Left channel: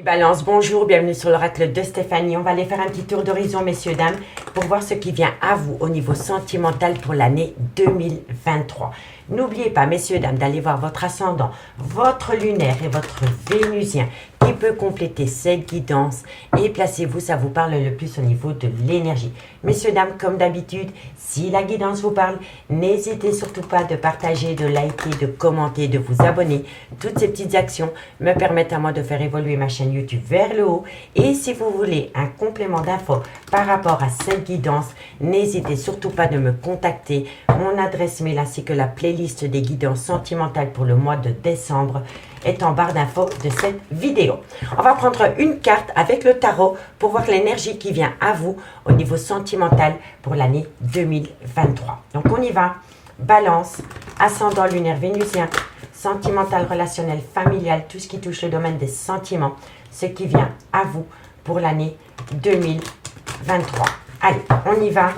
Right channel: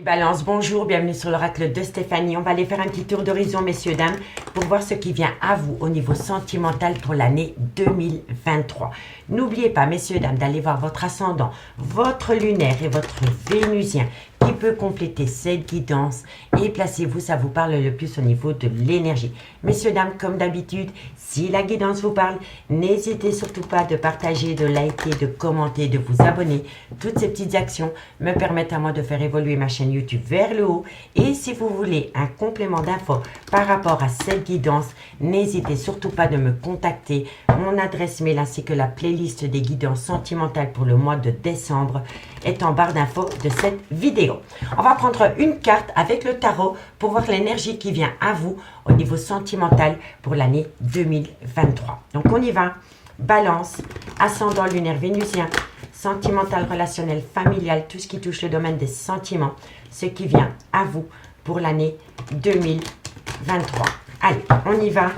Balance, bonjour, bienvenue sur l'oracle de Stéphanie. On va aller faire un petit tour d'horizon, messieurs, dames, pour voir ce qui vient à vous au niveau sentimental pour l'année 2023. N'oubliez pas, messieurs, dames, d'aller voir votre ascendant, votre lunaire et votre vénusien qui peut compléter cette guidance. Et placez-vous, ça vous parle le plus au niveau de l'énergie. Messieurs, dames, comme d'habitude, si la guidance vous parle, n'hésitez surtout pas de partager, de liker, de commenter, de vous abonner. Toutes ces petites actions me permettent à moi de faire évoluer ma chaîne YouTube vers le haut. Et si vous voulez un complément d'infos par rapport à cette guidance, n'hésitez surtout pas de me contacter. Mon adresse mail ainsi que la playlist des guidances sentimentales pour le mois de décembre est en barre d'infos de cette vidéo. On va prendre une carte avec le tarot pour voir l'énergie qui vient à vous au niveau sentimental pour l'année 2023. Donc on y va. Balance, ascendant lunaire vénusien, sentimental, relationnel, familial, tout ce qui touche le domaine des sentiments, ce qui vient à vous pour l'année 2023. Allez, on y va.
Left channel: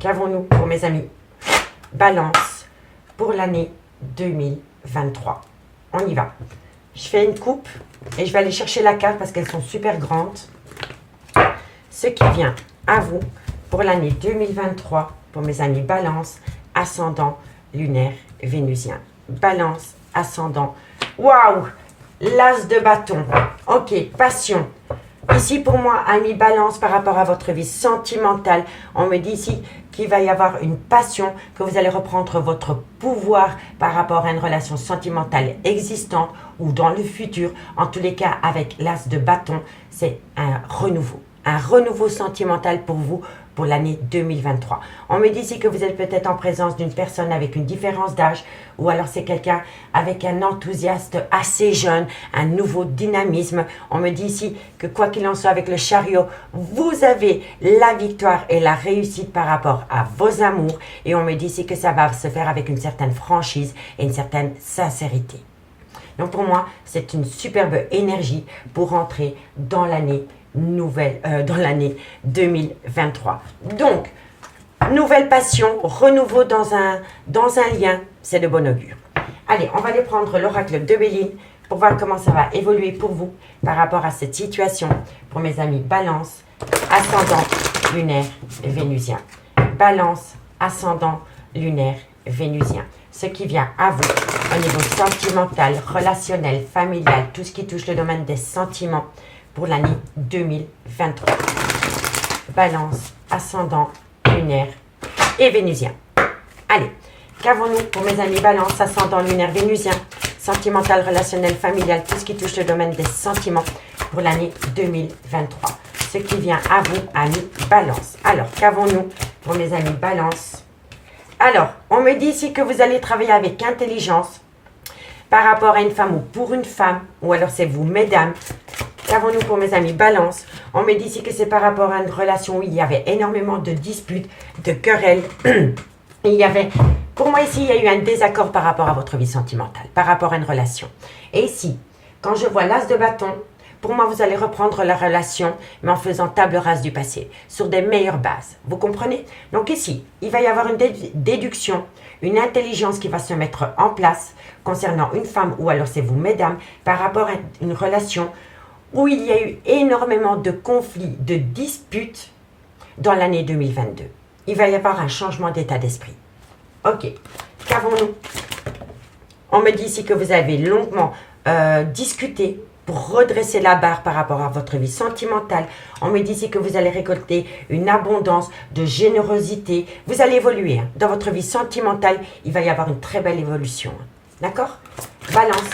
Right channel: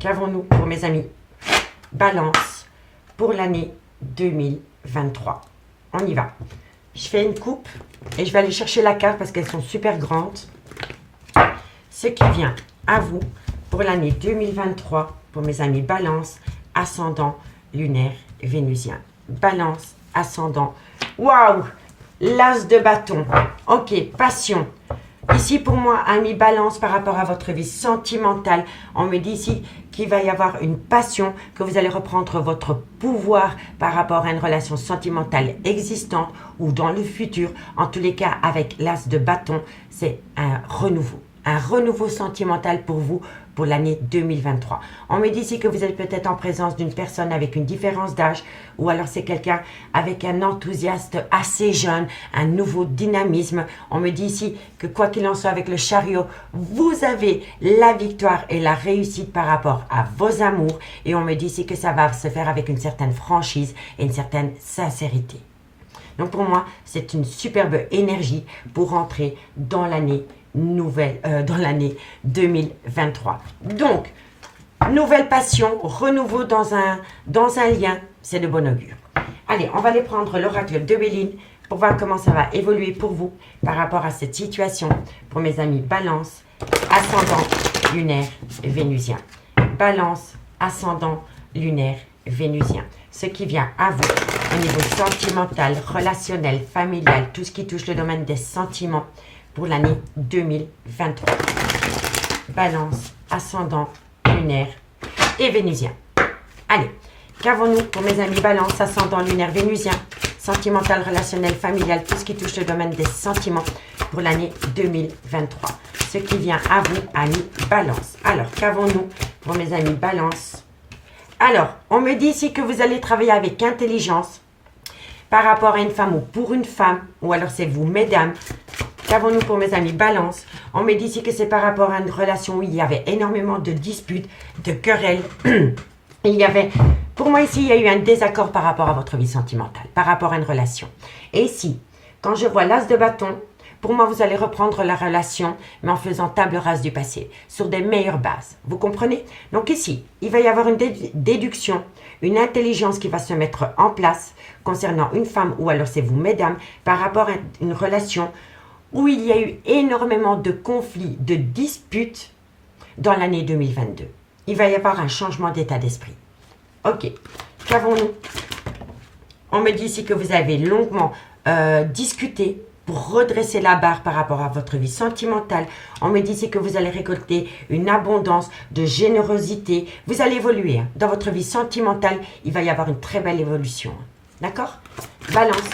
Qu'avons-nous pour mes amis? Balance pour l'année 2023. On y va. Je fais une coupe et je vais aller chercher la carte parce qu'elles sont super grandes. Ce qui vient à vous pour l'année 2023 pour mes amis Balance, ascendant, lunaire, vénusien. Balance, ascendant. Waouh! L'as de bâton. Ok, passion. Ici, pour moi, ami Balance, par rapport à votre vie sentimentale, on me dit ici qu'il va y avoir une passion, que vous allez reprendre votre pouvoir par rapport à une relation sentimentale existante ou dans le futur. En tous les cas, avec l'as de bâton, c'est un renouveau sentimental pour vous pour l'année 2023. On me dit ici que vous êtes peut-être en présence d'une personne avec une différence d'âge ou alors c'est quelqu'un avec un enthousiasme assez jeune, un nouveau dynamisme. On me dit ici que quoi qu'il en soit avec le chariot, vous avez la victoire et la réussite par rapport à vos amours et on me dit ici que ça va se faire avec une certaine franchise et une certaine sincérité. Donc pour moi, c'est une superbe énergie pour entrer dans l'année dans l'année 2023. Donc, nouvelle passion, renouveau dans un lien, c'est de bon augure. Allez, on va aller prendre l'oracle de Béline pour voir comment ça va évoluer pour vous par rapport à cette situation. Pour mes amis Balance, ascendant, lunaire, vénusien. Balance, ascendant, lunaire, vénusien. Ce qui vient à vous au niveau sentimental, relationnel, familial, tout ce qui touche le domaine des sentiments pour l'année 2023. Balance, ascendant, lunaire et vénusien. Allez, qu'avons-nous pour mes amis Balance, ascendant, lunaire, vénusien, sentimental, relationnel, familial, tout ce qui touche le domaine des sentiments pour l'année 2023. Ce qui vient à vous, amis Balance. Alors, qu'avons-nous pour mes amis Balance? Alors, on me dit ici que vous allez travailler avec intelligence par rapport à une femme ou pour une femme, ou alors c'est vous, mesdames. Qu'avons-nous pour mes amis Balance? On me dit ici que c'est par rapport à une relation où il y avait énormément de disputes, de querelles. Pour moi ici, il y a eu un désaccord par rapport à votre vie sentimentale, par rapport à une relation. Et ici, quand je vois l'as de bâton, pour moi, vous allez reprendre la relation, mais en faisant table rase du passé, sur des meilleures bases. Vous comprenez? Donc ici, il va y avoir une déduction, une intelligence qui va se mettre en place concernant une femme, ou alors c'est vous, mesdames, par rapport à une relation où il y a eu énormément de conflits, de disputes dans l'année 2022. Il va y avoir un changement d'état d'esprit. Ok, qu'avons-nous? On me dit ici que vous avez longuement discuté pour redresser la barre par rapport à votre vie sentimentale. On me dit ici que vous allez récolter une abondance de générosité. Vous allez évoluer hein. Dans votre vie sentimentale, il va y avoir une très belle évolution. Hein. D'accord? Balance.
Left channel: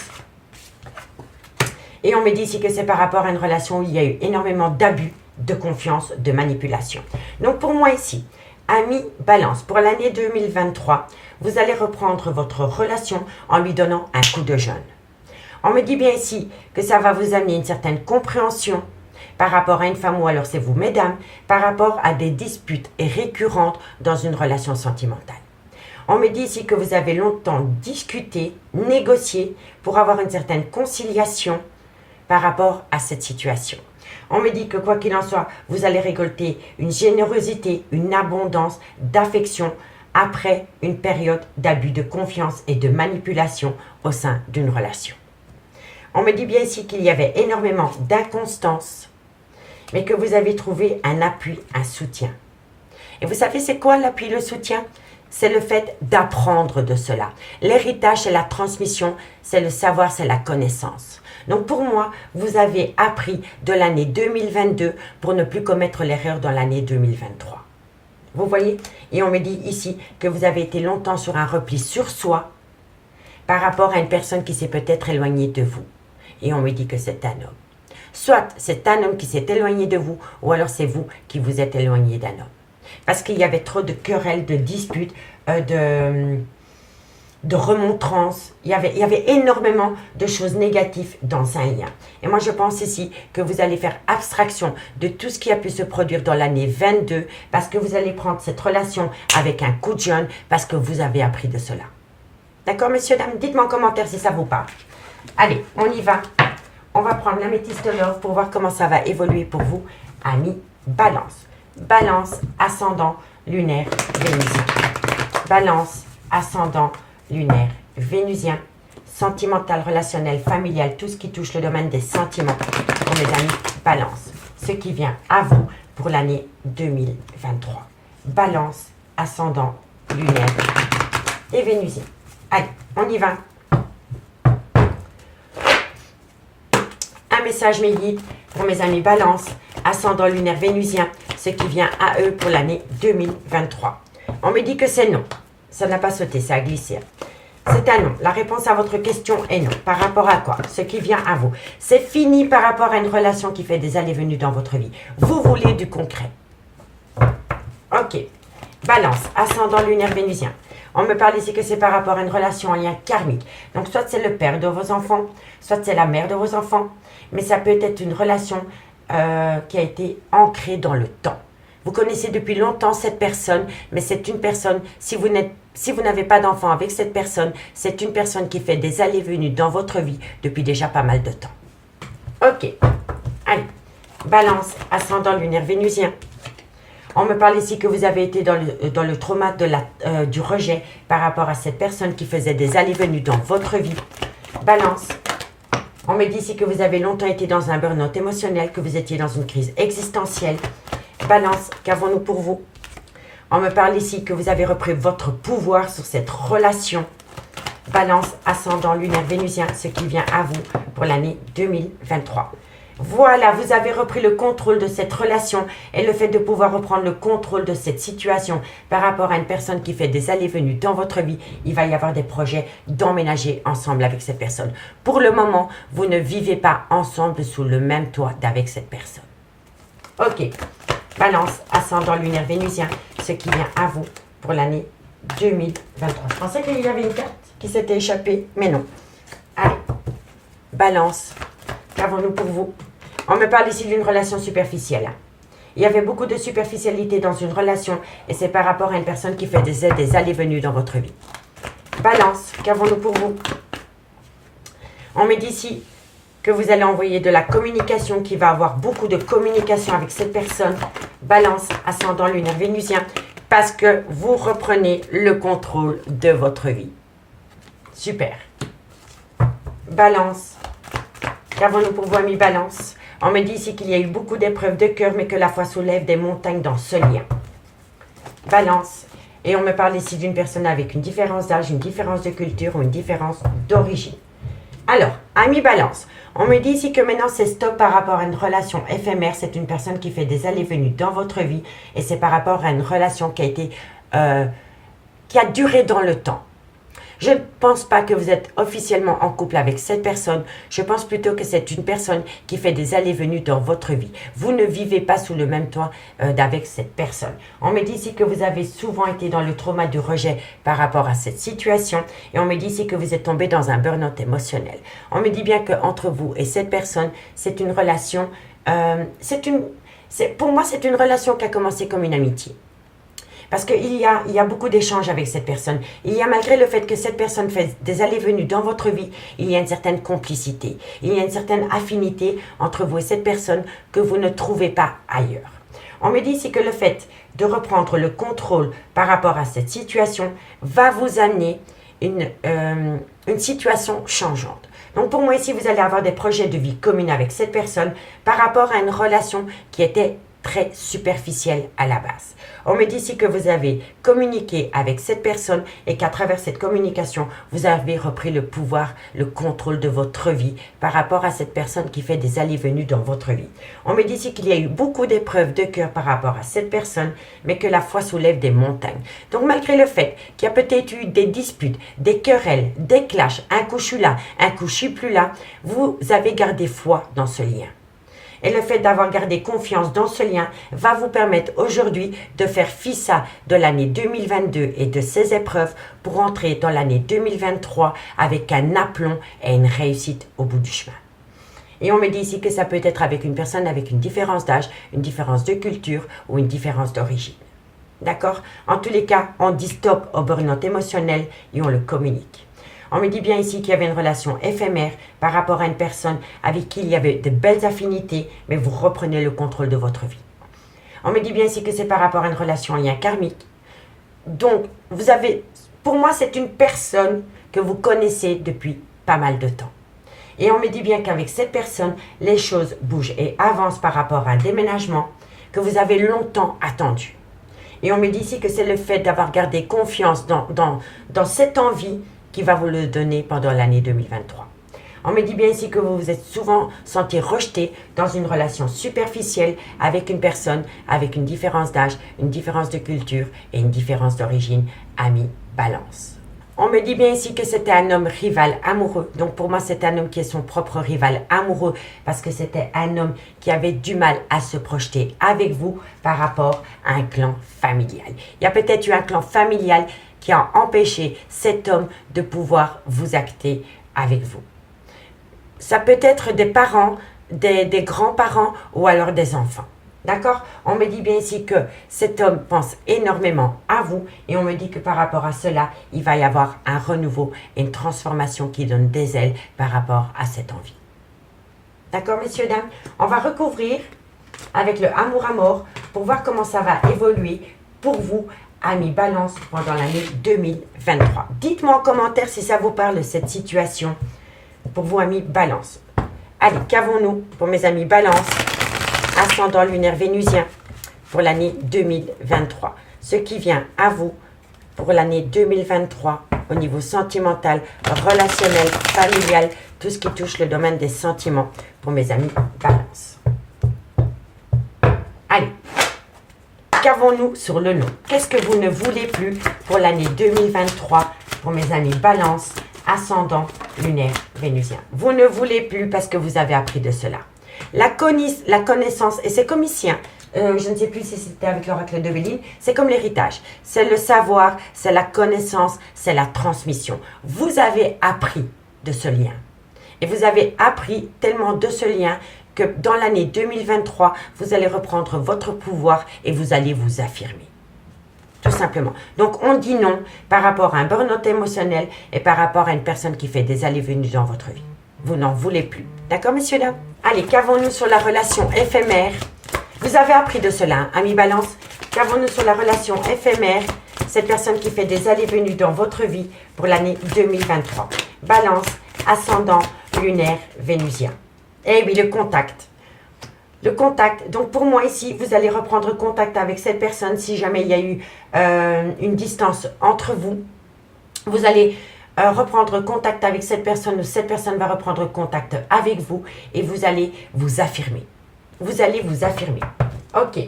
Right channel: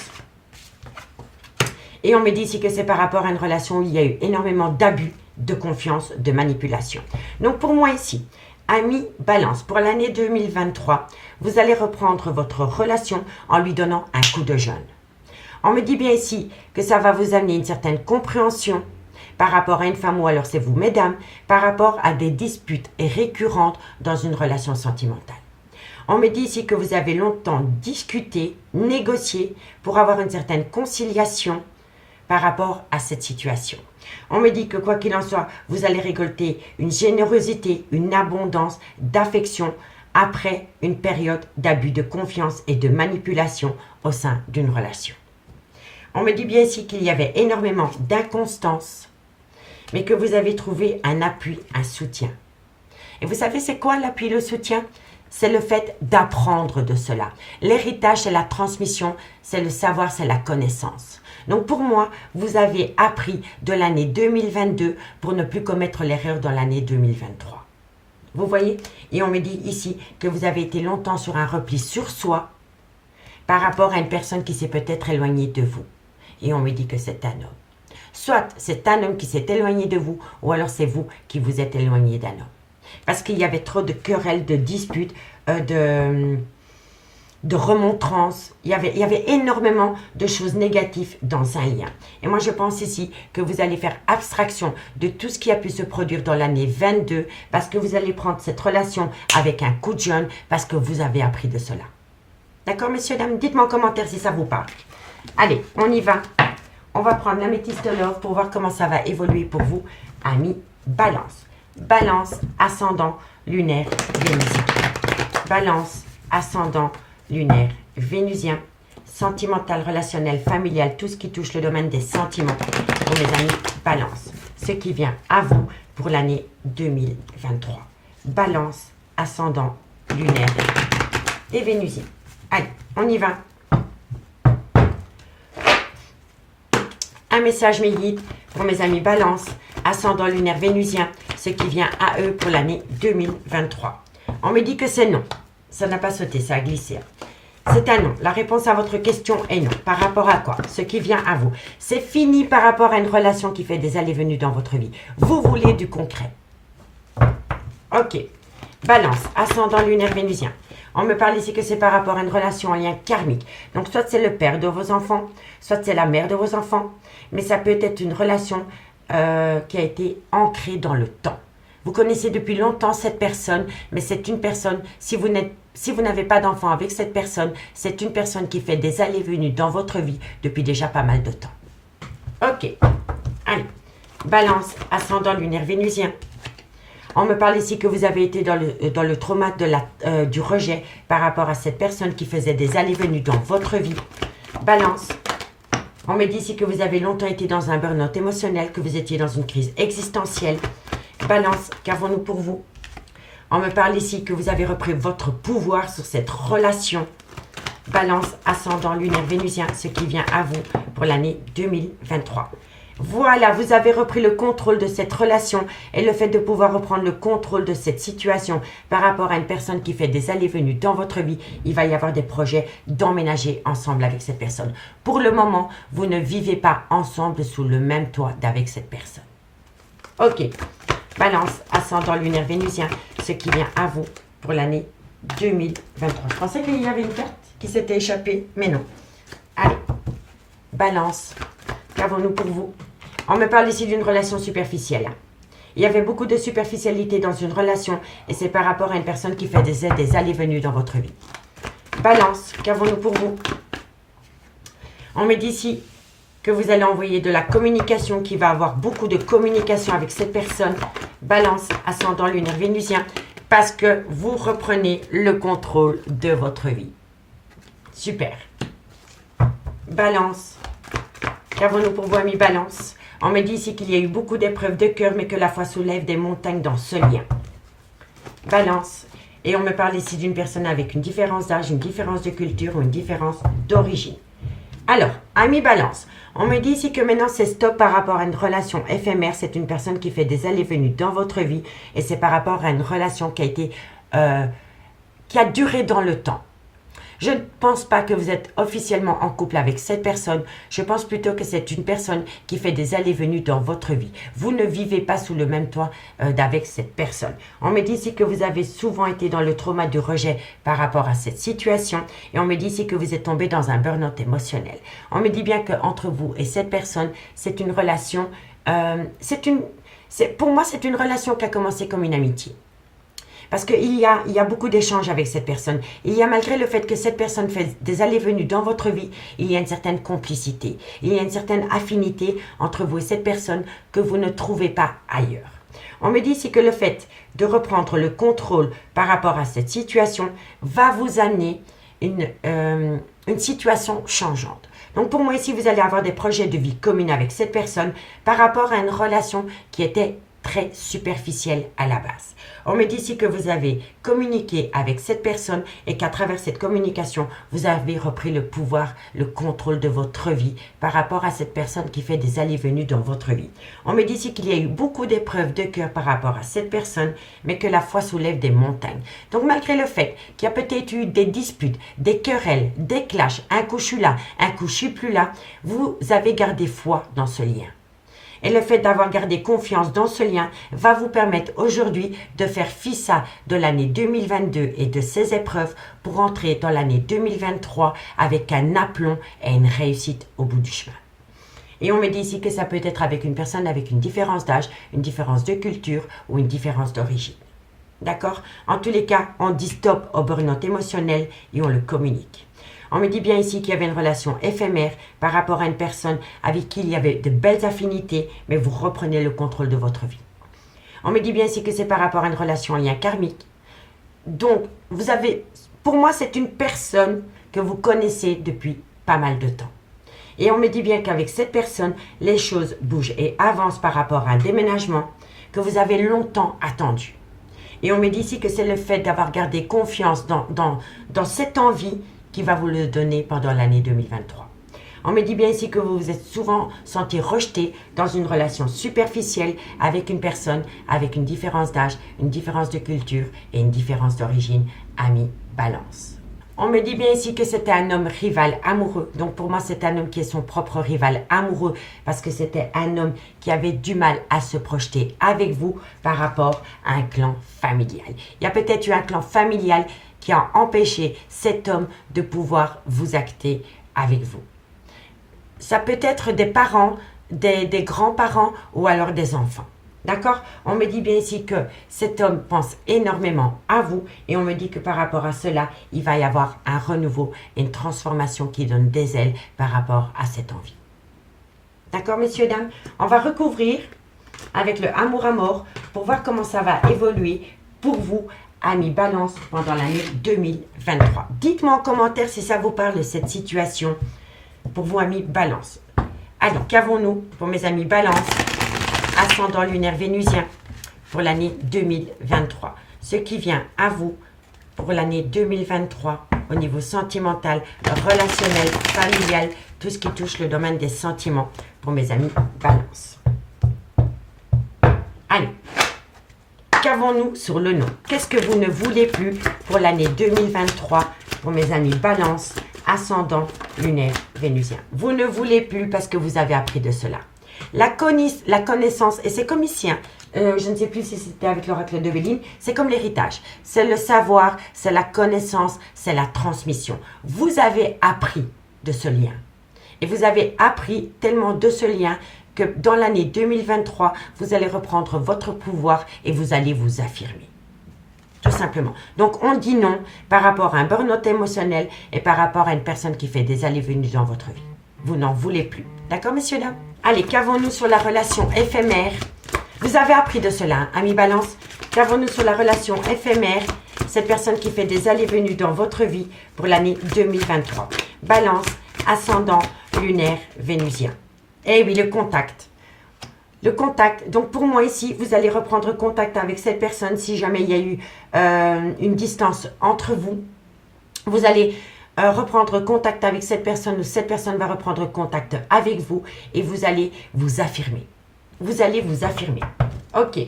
Et on me dit ici que c'est par rapport à une relation où il y a eu énormément d'abus, de confiance, de manipulation. Donc pour moi ici, ami Balance, pour l'année 2023, vous allez reprendre votre relation en lui donnant un coup de jeune. On me dit bien ici que ça va vous amener une certaine compréhension par rapport à une femme ou alors c'est vous, mesdames, par rapport à des disputes récurrentes dans une relation sentimentale. On me dit ici que vous avez longtemps discuté, négocié pour avoir une certaine conciliation par rapport à cette situation. On me dit que quoi qu'il en soit, vous allez récolter une générosité, une abondance d'affection après une période d'abus de confiance et de manipulation au sein d'une relation. On me dit bien ici qu'il y avait énormément d'inconstance, mais que vous avez trouvé un appui, un soutien. Et vous savez, c'est quoi l'appui, le soutien? C'est le fait d'apprendre de cela. L'héritage, c'est la transmission, c'est le savoir, c'est la connaissance. Donc pour moi, vous avez appris de l'année 2022 pour ne plus commettre l'erreur dans l'année 2023. Vous voyez? Et on me dit ici que vous avez été longtemps sur un repli sur soi par rapport à une personne qui s'est peut-être éloignée de vous. Et on me dit que c'est un homme. Soit c'est un homme qui s'est éloigné de vous, ou alors c'est vous qui vous êtes éloigné d'un homme. Parce qu'il y avait trop de querelles, de disputes, de remontrances. Il y avait énormément de choses négatives dans un lien. Et moi, je pense ici que vous allez faire abstraction de tout ce qui a pu se produire dans l'année 22, parce que vous allez prendre cette relation avec un coup de jeune, parce que vous avez appris de cela. D'accord, messieurs, dames? Dites-moi en commentaire si ça vous parle. Allez, on y va. On va prendre l'améthyste love pour voir comment ça va évoluer pour vous, amis Balance. Balance, ascendant, lunaire, vénusien. Balance, ascendant, lunaire, vénusien. Sentimental, relationnel, familial, tout ce qui touche le domaine des sentiments pour mes amis Balance. Ce qui vient à vous pour l'année 2023. Balance, ascendant, lunaire et vénusien. Allez, on y va. Un message mes guides pour mes amis Balance, ascendant lunaire vénusien, ce qui vient à eux pour l'année 2023. On me dit que c'est non. Ça n'a pas sauté, ça a glissé. C'est un non. La réponse à votre question est non. Par rapport à quoi? Ce qui vient à vous. C'est fini par rapport à une relation qui fait des allées-venues dans votre vie. Vous voulez du concret. Ok. Balance, ascendant lunaire vénusien. On me parle ici que c'est par rapport à une relation, un lien karmique. Donc, soit c'est le père de vos enfants, soit c'est la mère de vos enfants. Mais ça peut être une relation qui a été ancrée dans le temps. Vous connaissez depuis longtemps cette personne, mais c'est une personne, si vous n'avez pas d'enfant avec cette personne, c'est une personne qui fait des allées-venues dans votre vie depuis déjà pas mal de temps. Ok. Allez. Balance, ascendant lunaire vénusien. On me parle ici que vous avez été dans le trauma du rejet par rapport à cette personne qui faisait des allées-venues dans votre vie. Balance. On me dit ici que vous avez longtemps été dans un burn-out émotionnel, que vous étiez dans une crise existentielle. Balance, qu'avons-nous pour vous? On me parle ici que vous avez repris votre pouvoir sur cette relation. Balance, ascendant lunaire vénusien, ce qui vient à vous pour l'année 2023. Voilà, vous avez repris le contrôle de cette relation et le fait de pouvoir reprendre le contrôle de cette situation par rapport à une personne qui fait des allées-venues dans votre vie, il va y avoir des projets d'emménager ensemble avec cette personne. Pour le moment, vous ne vivez pas ensemble sous le même toit d'avec cette personne. Ok, Balance, ascendant lunaire vénusien, ce qui vient à vous pour l'année 2023. Je pensais qu'il y avait une carte qui s'était échappée, mais non. Allez, Balance. Qu'avons-nous pour vous? On me parle ici d'une relation superficielle. Il y avait beaucoup de superficialité dans une relation et c'est par rapport à une personne qui fait des allées-venues dans votre vie. Balance, qu'avons-nous pour vous? On me dit ici que vous allez envoyer de la communication, qui va avoir beaucoup de communication avec cette personne. Balance, ascendant lunaire vénusien, parce que vous reprenez le contrôle de votre vie. Super. Balance. Qu'avons-nous pour vous, amis Balance? On me dit ici qu'il y a eu beaucoup d'épreuves de cœur, mais que la foi soulève des montagnes dans ce lien. Balance. Et on me parle ici d'une personne avec une différence d'âge, une différence de culture ou une différence d'origine. Alors, amis Balance, on me dit ici que maintenant c'est stop par rapport à une relation éphémère. C'est une personne qui fait des allées-venues dans votre vie et c'est par rapport à une relation qui a duré dans le temps. Je ne pense pas que vous êtes officiellement en couple avec cette personne. Je pense plutôt que c'est une personne qui fait des allées-venues dans votre vie. Vous ne vivez pas sous le même toit avec cette personne. On me dit ici que vous avez souvent été dans le trauma du rejet par rapport à cette situation. Et on me dit ici que vous êtes tombé dans un burn-out émotionnel. On me dit bien qu'entre vous et cette personne, c'est une relation... pour moi, c'est une relation qui a commencé comme une amitié. Parce qu'il y a beaucoup d'échanges avec cette personne. Il y a, malgré le fait que cette personne fait des allées-venues dans votre vie, il y a une certaine complicité. Il y a une certaine affinité entre vous et cette personne que vous ne trouvez pas ailleurs. On me dit ici que le fait de reprendre le contrôle par rapport à cette situation va vous amener une situation changeante. Donc pour moi ici, vous allez avoir des projets de vie communs avec cette personne par rapport à une relation qui était très superficielle à la base. On me dit ici que vous avez communiqué avec cette personne et qu'à travers cette communication, vous avez repris le pouvoir, le contrôle de votre vie par rapport à cette personne qui fait des allées-venues dans votre vie. On me dit ici qu'il y a eu beaucoup d'épreuves de cœur par rapport à cette personne, mais que la foi soulève des montagnes. Donc malgré le fait qu'il y a peut-être eu des disputes, des querelles, des clashs, un coup je suis là, un coup je suis plus là, vous avez gardé foi dans ce lien. Et le fait d'avoir gardé confiance dans ce lien va vous permettre aujourd'hui de faire fi ça de l'année 2022 et de ces épreuves pour entrer dans l'année 2023 avec un aplomb et une réussite au bout du chemin. Et on me dit ici que ça peut être avec une personne avec une différence d'âge, une différence de culture ou une différence d'origine. D'accord? En tous les cas, on dit stop au burn-out émotionnel et on le communique. On me dit bien ici qu'il y avait une relation éphémère par rapport à une personne avec qui il y avait de belles affinités, mais vous reprenez le contrôle de votre vie. On me dit bien ici que c'est par rapport à une relation en lien karmique. Donc, pour moi, c'est une personne que vous connaissez depuis pas mal de temps. Et on me dit bien qu'avec cette personne, les choses bougent et avancent par rapport à un déménagement que vous avez longtemps attendu. Et on me dit ici que c'est le fait d'avoir gardé confiance dans cette envie qui va vous le donner pendant l'année 2023. On me dit bien ici que vous vous êtes souvent senti rejeté dans une relation superficielle avec une personne avec une différence d'âge, une différence de culture et une différence d'origine, ami, balance. On me dit bien ici que c'était un homme rival amoureux. Donc pour moi, c'est un homme qui est son propre rival amoureux parce que c'était un homme qui avait du mal à se projeter avec vous par rapport à un clan familial. Il y a peut-être eu un clan familial qui a empêché cet homme de pouvoir vous acter avec vous. Ça peut être des parents, des grands-parents ou alors des enfants. D'accord? On me dit bien ici que cet homme pense énormément à vous et on me dit que par rapport à cela, il va y avoir un renouveau et une transformation qui donne des ailes par rapport à cette envie. D'accord, messieurs, dames? On va recouvrir avec le amour à mort pour voir comment ça va évoluer pour vous, amis Balance, pendant l'année 2023. Dites-moi en commentaire si ça vous parle de cette situation pour vous, amis Balance. Allez, qu'avons-nous pour mes amis Balance, ascendant lunaire vénusien pour l'année 2023? Ce qui vient à vous pour l'année 2023 au niveau sentimental, relationnel, familial, tout ce qui touche le domaine des sentiments pour mes amis Balance. Allez. Qu'avons-nous sur le nom? Qu'est-ce que vous ne voulez plus pour l'année 2023 pour mes amis Balance, ascendant lunaire vénusien? Vous ne voulez plus parce que vous avez appris de cela. La connaissance, et c'est comme ici, je ne sais plus si c'était avec l'oracle de Béline, c'est comme l'héritage. C'est le savoir, c'est la connaissance, c'est la transmission. Vous avez appris de ce lien. Et vous avez appris tellement de ce lien que dans l'année 2023, vous allez reprendre votre pouvoir et vous allez vous affirmer. Tout simplement. Donc, on dit non par rapport à un burn-out émotionnel et par rapport à une personne qui fait des allées-venues dans votre vie. Vous n'en voulez plus. D'accord, messieurs, dames? Allez, qu'avons-nous sur la relation éphémère? Vous avez appris de cela, amis Balance. Qu'avons-nous sur la relation éphémère? Cette personne qui fait des allées-venues dans votre vie pour l'année 2023. Balance, ascendant, lunaire, vénusien. Eh oui, le contact. Le contact. Donc, pour moi, ici, vous allez reprendre contact avec cette personne si jamais il y a eu une distance entre vous. Vous allez reprendre contact avec cette personne ou cette personne va reprendre contact avec vous et vous allez vous affirmer. Vous allez vous affirmer. Ok.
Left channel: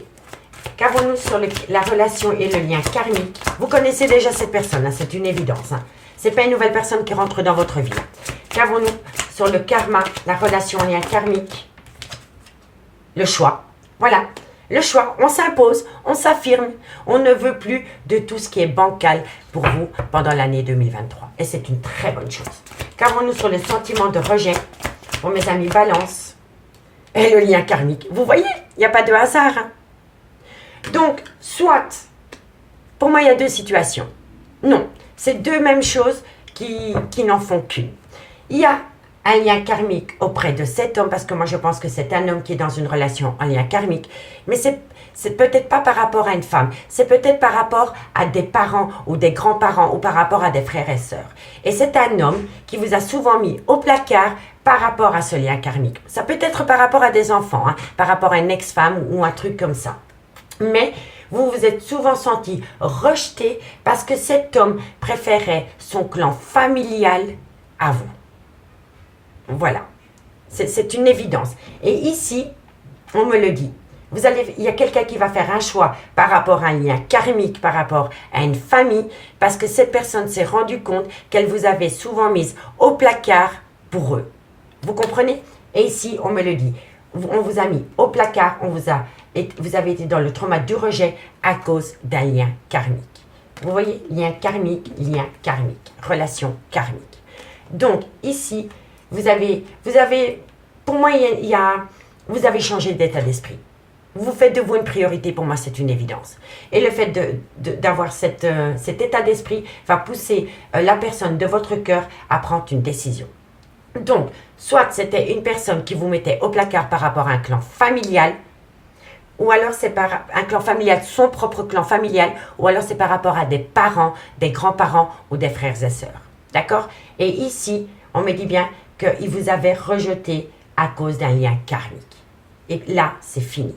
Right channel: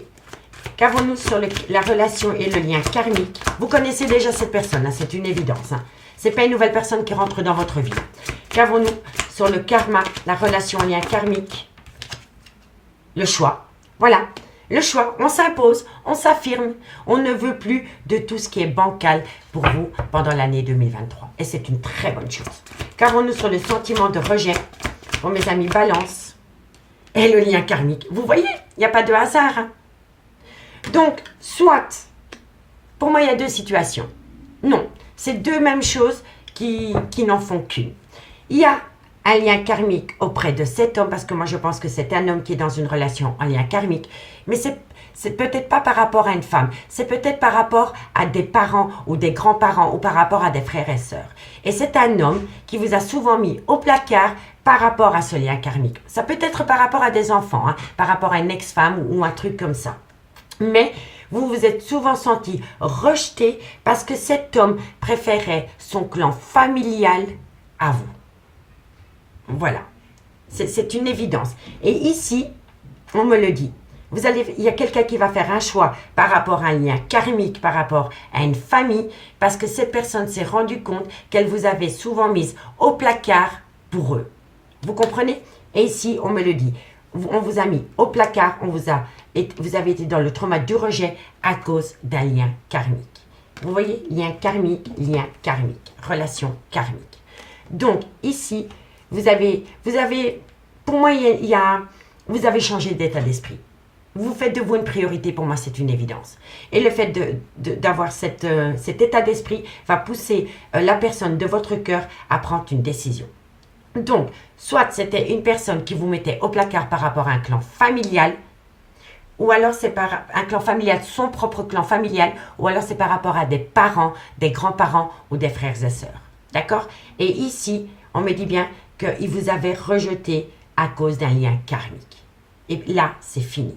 Qu'avons-nous sur la relation et le lien karmique? Vous connaissez déjà cette personne, hein, c'est une évidence. Hein. Ce n'est pas une nouvelle personne qui rentre dans votre vie. Qu'avons-nous sur le karma, la relation en lien karmique? Le choix. Voilà, le choix. On s'impose, on s'affirme. On ne veut plus de tout ce qui est bancal pour vous pendant l'année 2023. Et c'est une très bonne chose. Qu'avons-nous sur le sentiment de rejet pour mes amis Balance et le lien karmique? Vous voyez, il n'y a pas de hasard. Hein? Donc, soit, pour moi, il y a deux situations. Non, c'est deux mêmes choses qui n'en font qu'une. Il y a un lien karmique auprès de cet homme, parce que moi je pense que c'est un homme qui est dans une relation en lien karmique, mais c'est peut-être pas par rapport à une femme, c'est peut-être par rapport à des parents ou des grands-parents ou par rapport à des frères et sœurs. Et c'est un homme qui vous a souvent mis au placard par rapport à ce lien karmique. Ça peut être par rapport à des enfants, hein, par rapport à une ex-femme ou un truc comme ça. Mais vous vous êtes souvent senti rejeté parce que cet homme préférait son clan familial à vous. Voilà, c'est une évidence. Et ici, on me le dit, il y a quelqu'un qui va faire un choix par rapport à un lien karmique, par rapport à une famille, parce que cette personne s'est rendue compte qu'elle vous avait souvent mise au placard pour eux. Vous comprenez? Et ici, on me le dit, on vous a mis au placard, vous avez été dans le trauma du rejet à cause d'un lien karmique. Vous voyez, lien karmique, relation karmique. Donc, ici, vous avez, pour moi, vous avez changé d'état d'esprit. Vous faites de vous une priorité, pour moi, c'est une évidence. Et le fait d'avoir cet état d'esprit va pousser la personne de votre cœur à prendre une décision. Donc, soit c'était une personne qui vous mettait au placard par rapport à un clan familial, ou alors c'est par un clan familial, son propre clan familial, ou alors c'est par rapport à des parents, des grands-parents ou des frères et sœurs. D'accord? Et ici, on me dit bien qu'il vous avait rejeté à cause d'un lien karmique. Et là, c'est fini.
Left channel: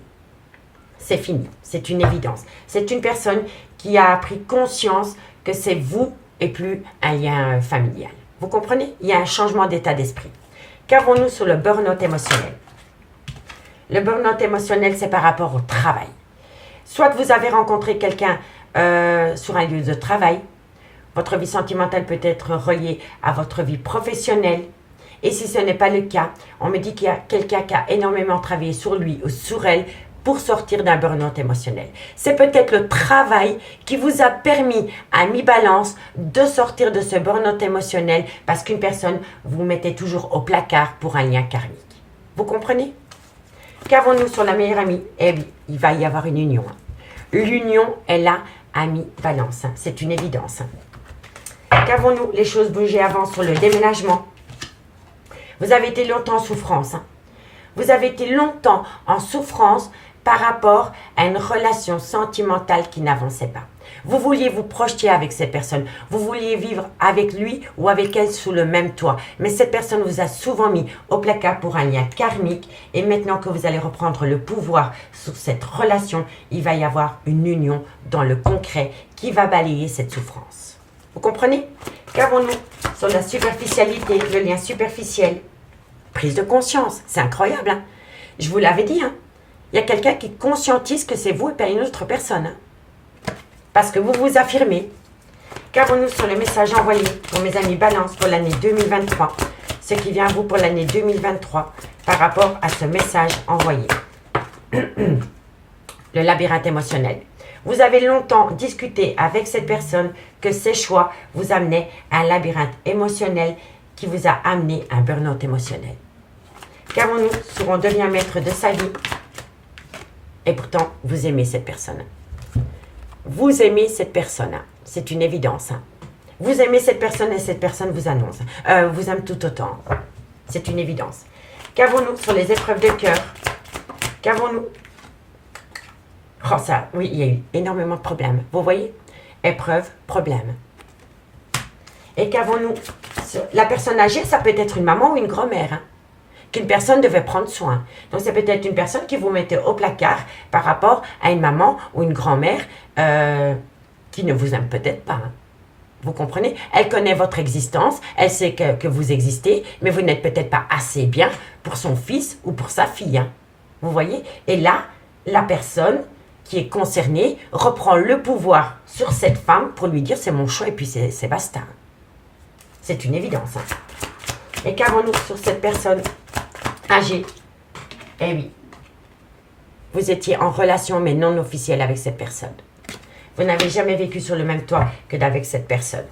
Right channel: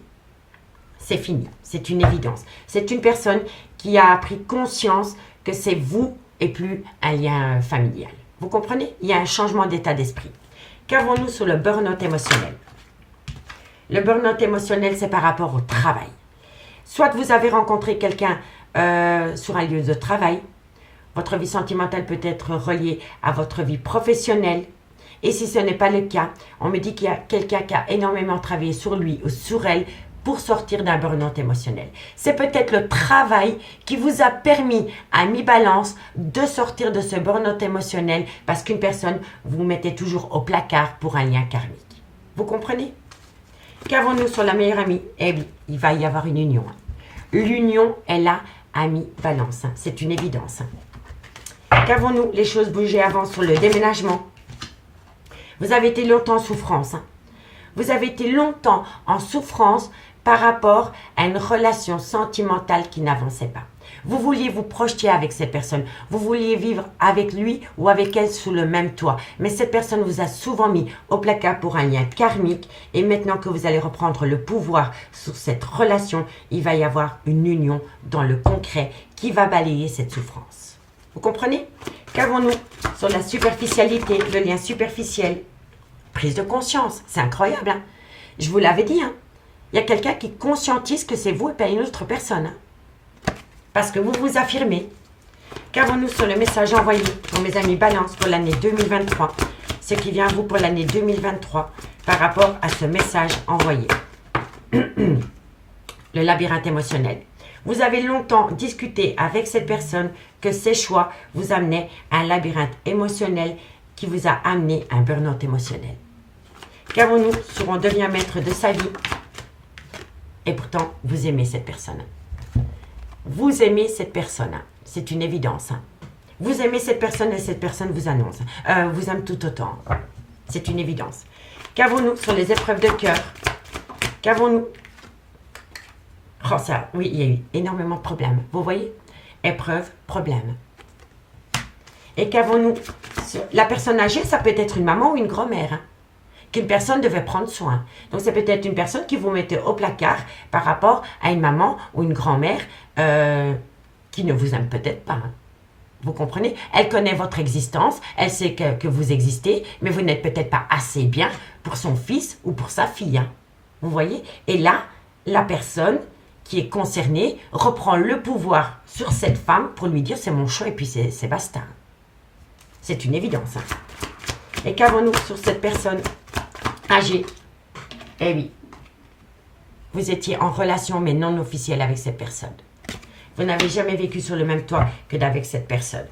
C'est fini. C'est une évidence. C'est une personne qui a pris conscience que c'est vous et plus un lien familial. Vous comprenez? Il y a un changement d'état d'esprit. Qu'avons-nous sur le burn-out émotionnel? Le burn-out émotionnel, c'est par rapport au travail. Soit vous avez rencontré quelqu'un sur un lieu de travail, votre vie sentimentale peut être reliée à votre vie professionnelle. Et si ce n'est pas le cas, on me dit qu'il y a quelqu'un qui a énormément travaillé sur lui ou sur elle pour sortir d'un burn-out émotionnel. C'est peut-être le travail qui vous a permis à mi-balance de sortir de ce burn-out émotionnel parce qu'une personne vous mettait toujours au placard pour un lien karmique. Vous comprenez? Qu'avons-nous sur la meilleure amie? Eh bien, il va y avoir une union. L'union est là à mi-balance. C'est une évidence. Qu'avons-nous? Les choses bougées avant sur le déménagement. Vous avez été longtemps en souffrance. Vous avez été longtemps en souffrance par rapport à une relation sentimentale qui n'avançait pas. Vous vouliez vous projeter avec cette personne. Vous vouliez vivre avec lui ou avec elle sous le même toit. Mais cette personne vous a souvent mis au placard pour un lien karmique. Et maintenant que vous allez reprendre le pouvoir sur cette relation, il va y avoir une union dans le concret qui va balayer cette souffrance. Vous comprenez? Qu'avons-nous sur la superficialité, le lien superficiel? Prise de conscience, c'est incroyable. Hein? Je vous l'avais dit, hein? Il y a quelqu'un qui conscientise que c'est vous et pas une autre personne. Hein? Parce que vous vous affirmez. Qu'avons-nous sur le message envoyé pour mes amis Balance pour l'année 2023? Ce qui vient à vous pour l'année 2023 par rapport à ce message envoyé. Le labyrinthe émotionnel. Vous avez longtemps discuté avec cette personne que ses choix vous amenaient à un labyrinthe émotionnel qui vous a amené à un burn-out émotionnel. Qu'avons-nous sur on devient maître de sa vie? Et pourtant, vous aimez cette personne. Vous aimez cette personne. C'est une évidence. Vous aimez cette personne et cette personne vous annonce. Vous aime tout autant. C'est une évidence. Qu'avons-nous sur les épreuves de cœur? Qu'avons-nous? Oh, ça, oui, il y a eu énormément de problèmes. Vous voyez? Épreuve, problème. Et qu'avons-nous? La personne âgée, ça peut être une maman ou une grand-mère. Hein, qu'une personne devait prendre soin. Donc, c'est peut-être une personne qui vous mettait au placard par rapport à une maman ou une grand-mère qui ne vous aime peut-être pas. Hein. Vous comprenez? Elle connaît votre existence, elle sait que vous existez, mais vous n'êtes peut-être pas assez bien pour son fils ou pour sa fille. Hein. Vous voyez? Et là, la personne qui est concernée reprend le pouvoir sur cette femme pour lui dire c'est mon choix et puis c'est basta. C'est une évidence. Hein. Et qu'avons-nous sur cette personne âgée? Eh oui, vous étiez en relation mais non officielle avec cette personne. Vous n'avez jamais vécu sur le même toit que d'avec cette personne.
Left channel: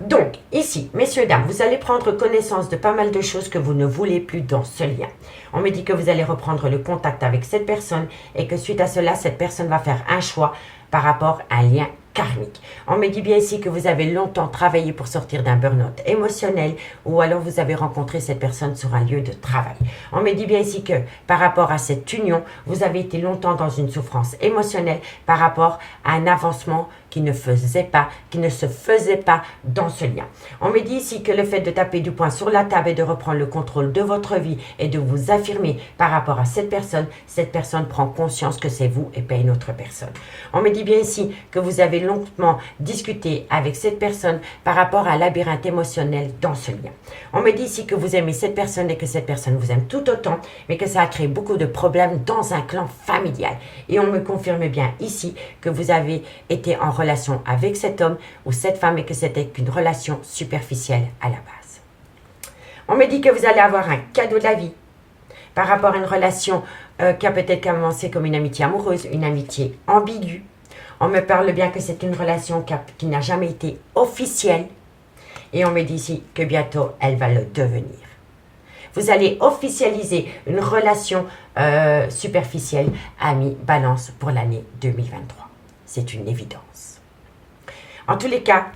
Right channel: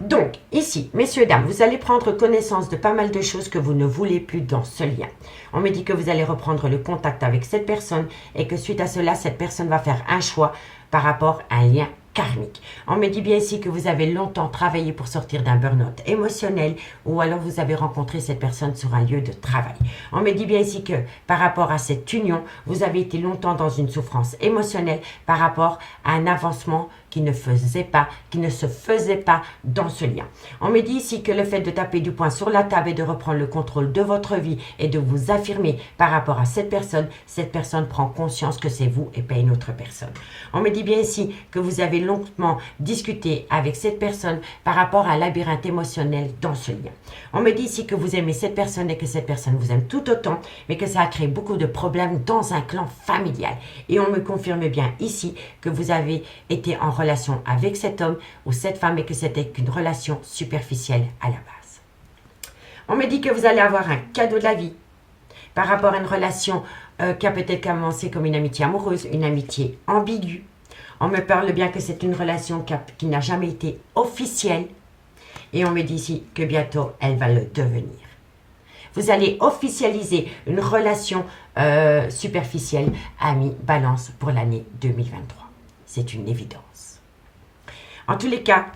Donc, ici, messieurs, dames, vous allez prendre connaissance de pas mal de choses que vous ne voulez plus dans ce lien. On me dit que vous allez reprendre le contact avec cette personne et que suite à cela, cette personne va faire un choix par rapport à un lien karmique. On me dit bien ici que vous avez longtemps travaillé pour sortir d'un burn-out émotionnel ou alors vous avez rencontré cette personne sur un lieu de travail. On me dit bien ici que par rapport à cette union, vous avez été longtemps dans une souffrance émotionnelle par rapport à un avancement qui ne se faisait pas dans ce lien. On me dit ici que le fait de taper du poing sur la table et de reprendre le contrôle de votre vie et de vous affirmer par rapport à cette personne prend conscience que c'est vous et pas une autre personne. On me dit bien ici que vous avez longuement discuté avec cette personne par rapport à un labyrinthe émotionnel dans ce lien. On me dit ici que vous aimez cette personne et que cette personne vous aime tout autant, mais que ça a créé beaucoup de problèmes dans un clan familial. Et on me confirme bien ici que vous avez été en relation avec cet homme ou cette femme et que c'était qu'une relation superficielle à la base. On me dit que vous allez avoir un cadeau de la vie par rapport à une relation qui a peut-être commencé comme une amitié amoureuse, une amitié ambiguë. On me parle bien que c'est une relation qui n'a jamais été officielle et on me dit ici que bientôt elle va le devenir. Vous allez officialiser une relation superficielle, ami Balance, pour l'année 2023. C'est une évidence. En tous les cas,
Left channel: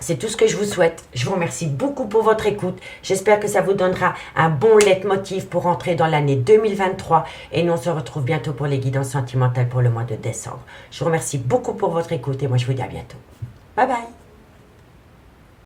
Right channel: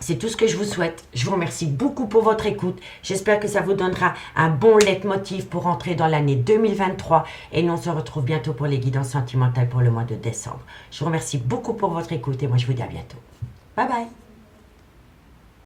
c'est tout ce que je vous souhaite. Je vous remercie beaucoup pour votre écoute. J'espère que ça vous donnera un bon leitmotiv pour entrer dans l'année 2023. Et nous, on se retrouve bientôt pour les guidances sentimentales pour le mois de décembre. Je vous remercie beaucoup pour votre écoute et moi, je vous dis à bientôt. Bye bye.